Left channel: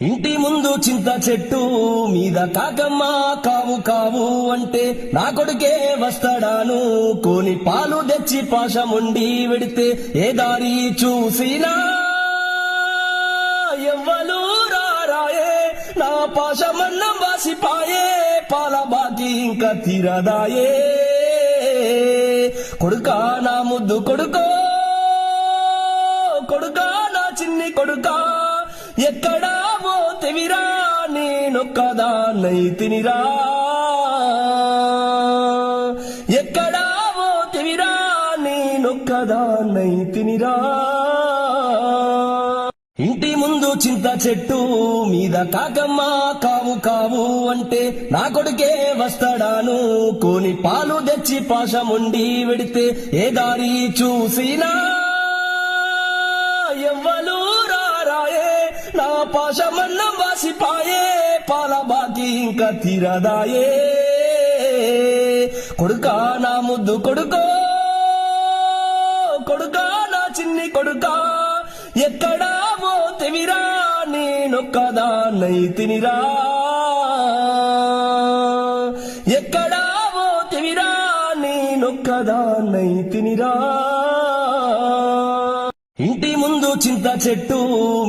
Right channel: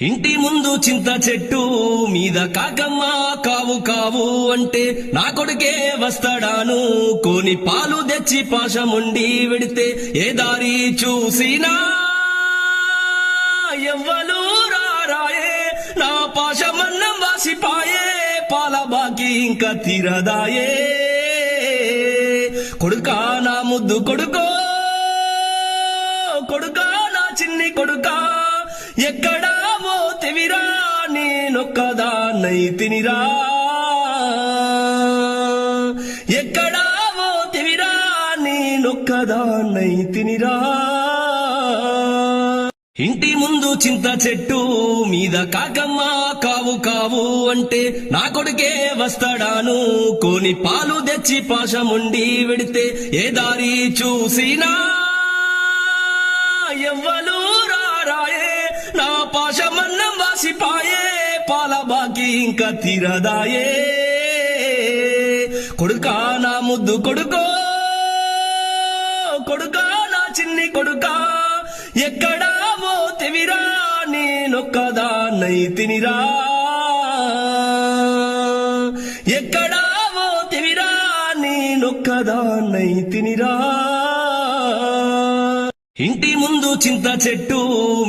ఇంటి ముందు చింత చెట్టు మీద కాకమ్మ కావు కావు అంటే నా కొడుకే వస్తాడాను కోని పాలు తెచ్చి పాశముండి వెడితే ఏ దారి చూసినా ఎవ్వలు రారాయే నా పాశమన్నం వాసిపాయే పాల బాకి ఇంకా తీరదాయే కొడుకా నా ముద్దు కొడుకో కొడుకా నా చిన్ని కొడుకా ఎక్కడా పోతెవిరా నేనొక్కదాన్నై తినిరా ఎక్కడా పోతెవిరా నేనొక్కదాన్నై తినిరా ఇంటి ముందు చింత చెట్టు మీద కాకమ్మ కావు కావు అంటే నా కొడుకే వస్తాడాను కోని పాలు తెచ్చి పాశముండి వెడితే ఏ దారి చూసినా ఎవ్వలు రారాయే నా పాశమన్నం వాసిపాయే పాల బాకి ఇంకా తీరదాయే కొడుకా నా ముద్దు కొడుకో కొడుకా నా చిన్ని కొడుకా ఎక్కడా పోతెవిరా నేనొక్కదాన్నై తినిరా ఎక్కడా పోతెవిరా నేనొక్కదాన్నై తినిరా ఇంటి ముందు చింత చెట్టు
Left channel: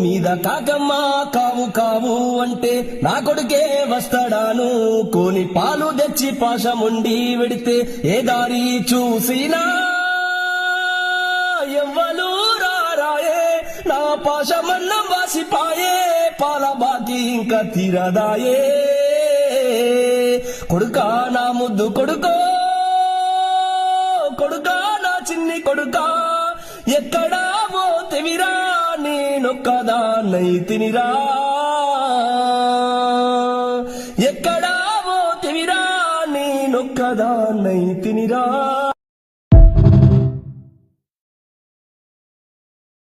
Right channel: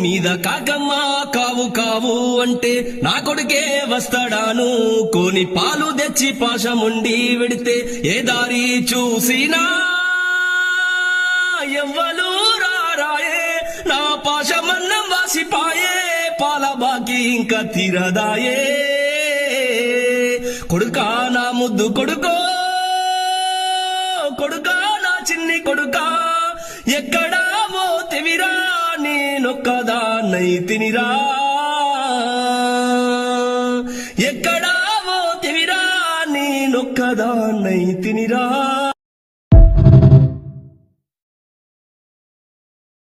మీద కాకమ్మ కావు కావు అంటే నా కొడుకే వస్తాడాను కోని పాలు తెచ్చి పాశముండి వెడితే ఏ దారి చూసినా ఎవ్వలు రారాయే నా పాశమన్నం వాసిపాయే పాల బాకి ఇంకా తీరదాయే కొడుకా నా ముద్దు కొడుకో కొడుకా నా చిన్ని కొడుకా ఎక్కడా పోతెవిరా నేనొక్కదాన్నై తినిరా ఎక్కడా పోతెవిరా నేనొక్కదాన్నై తినిరా